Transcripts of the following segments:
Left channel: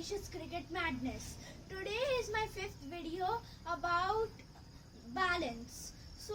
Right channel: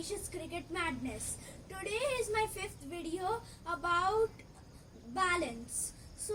Avnish's Cricket Madness. Today is my fifth video about balance. So,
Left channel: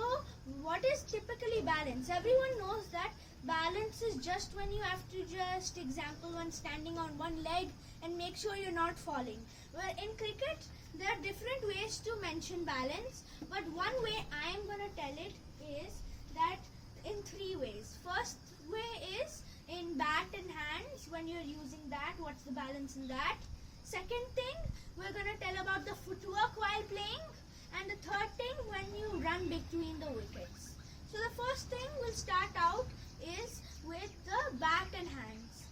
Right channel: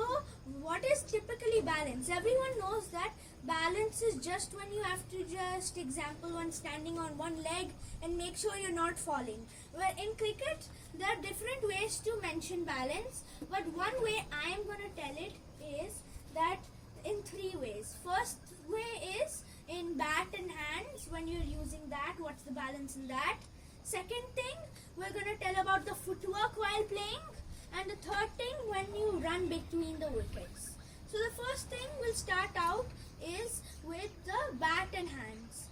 what is typically balance? Everyone knows that balance is just when you have to just, example, when standing on one leg and make sure you're not falling. Well, in cricket, there are different ways to mention balance, but one way I am going to tell it is that in three ways. First way is in bat and hands. When you're using that, what's the balance in that? Second thing, we're going to tell about the footwork while playing. And the third thing, when you run between the wickets. So the first thing we'll start out is with the bat and hands.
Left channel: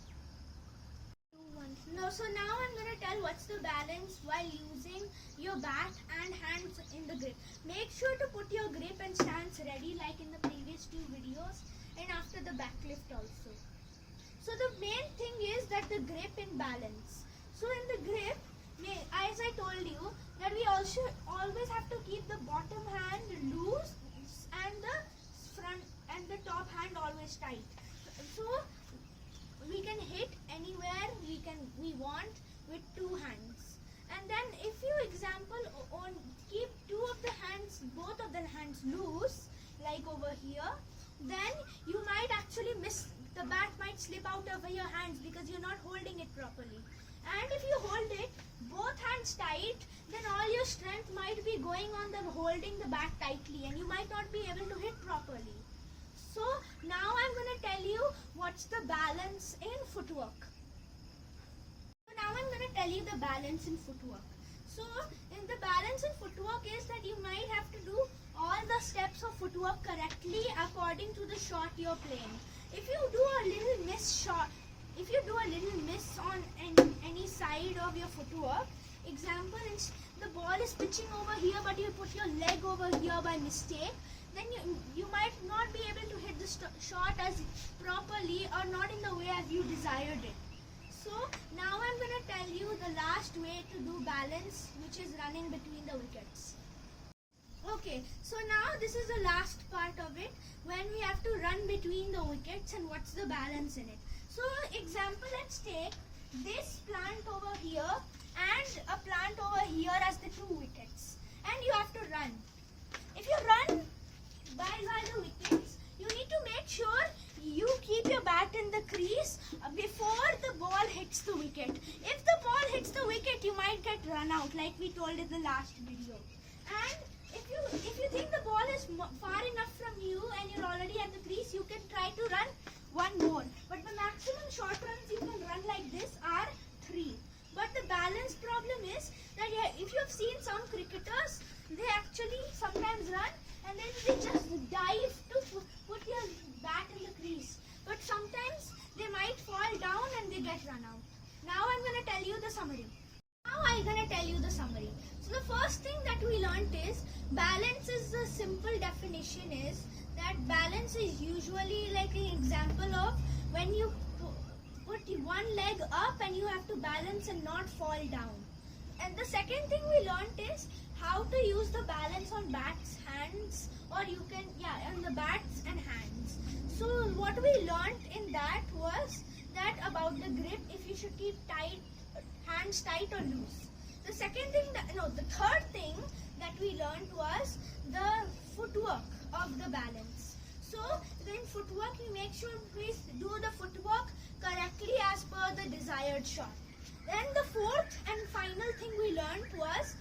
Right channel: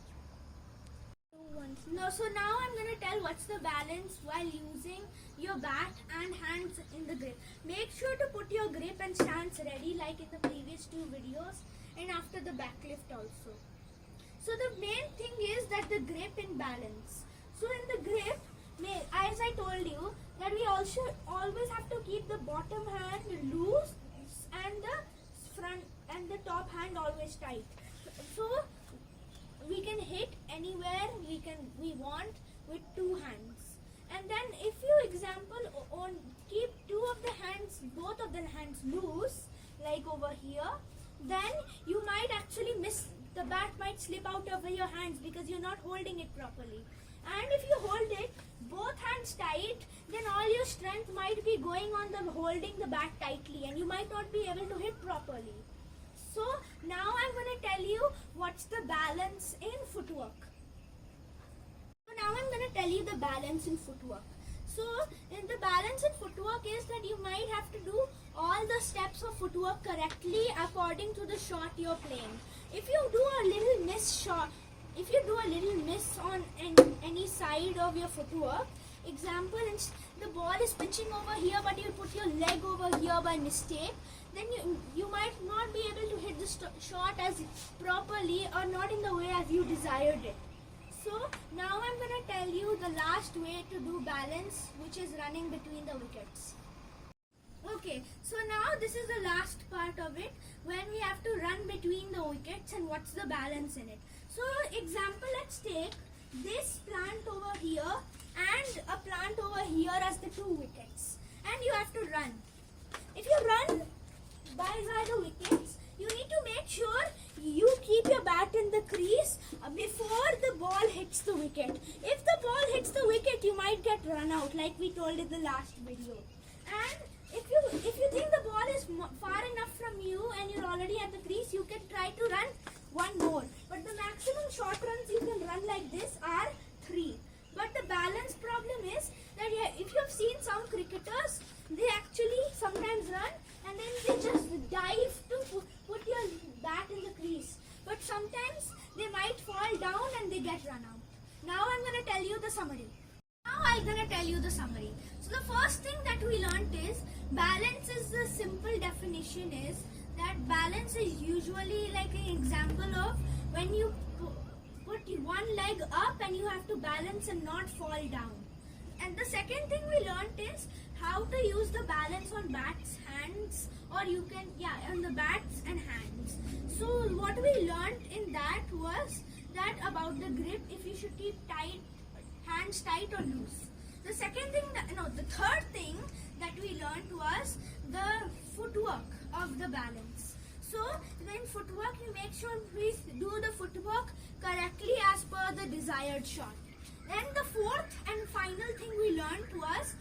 So now I'm going to tell what's the balance while using your bat and hands in the grip. Make sure to put your grip and stance ready like in the previous two videos and after the backlift also. So the main thing is that the grip in balance. So in the grip, as I told you, that we also always have to keep the bottom hand loose and the front and the top hand always tight. So we can hit anywhere we want with two hands. And then if you keep both of the hands loose, like over here, then you might actually miss, the bat might slip out of your hands because you're not holding it properly. And if you hold it, both hands tight, then all your strength might be going on the holding the bat tightly and you might not be able to hit properly. So now I'm going to tell you what's the balance in footwork. So now I'm going to tell you the balance in footwork. So in the balance in footwork is that you might have to do all the steps of footwork correctly according to the shot you're playing. If you do a little miss on any side of your footwork, example, the ball is pitching over here but you put your leg over here by mistake, then you might not be able to hit the shot as properly or not in the way as you desired it. So now I'm going to tell you the last way to do balance, which is running between the wickets. Okay, so now this is the last part of it, when we have to run between the wickets and what's the balance in it. So example, let's take this plant over here and a plant over here as the two wickets, and you have to run. If you run by the wickets, you need to make sure you keep your bat in the crease before the ball hits the wicket. If the ball hits the wicket, you might get run out like we told in the last video. And if you think the ball is far enough from you and you're already at the crease, you can try to run one more. But the maximum short runs you can run like this are 3. But the balance problem is that if you have seen some cricketers, they actually sometimes run and then they just dive to put your bat in the crease. But sometimes they might fall down and they get run out. Now I'm going to tell you the summary. So the first thing that we learnt is balance is the simple definition is that balance is usually like an example of when you put one leg up and you have to balance and not fall down. And the second thing we learnt is how to use the balance on bats, hands, or on the bats and hands. So what we learnt in that was that about the grip, if you should keep hands tight or loose. The third thing that we learnt was the footwork of the balance. So in footwork, you make sure we do the footwork correctly as per the desired shot. Then the fourth and final thing we learned was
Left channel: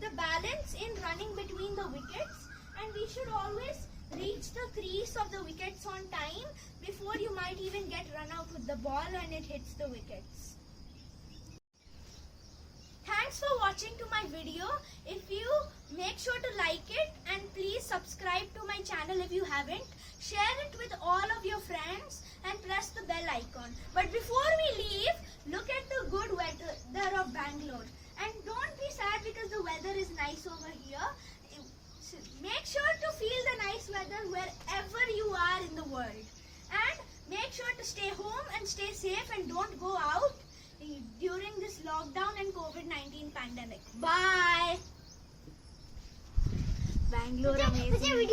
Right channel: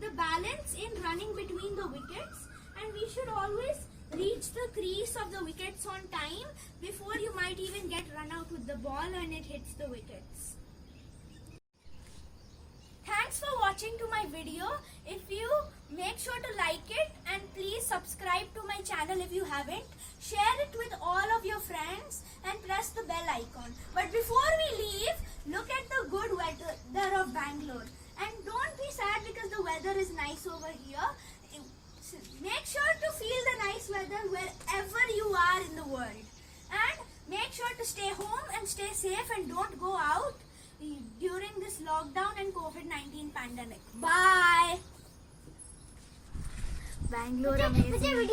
the balance in running between the wickets, and we should always reach the crease of the wickets on time before you might even get run out with the ball and it hits the wickets. Thanks for watching to my video. If you make sure to like it and please subscribe to my channel if you haven't. Share it with all of your friends and press the bell icon. But before we leave, look at the good weather of Bangalore. And don't be sad because the weather is nice over here. Make sure to feel the nice weather wherever you are in the world. And make sure to stay home and stay safe and don't go out during this lockdown and COVID-19 pandemic. Bye. Bangalore amazing.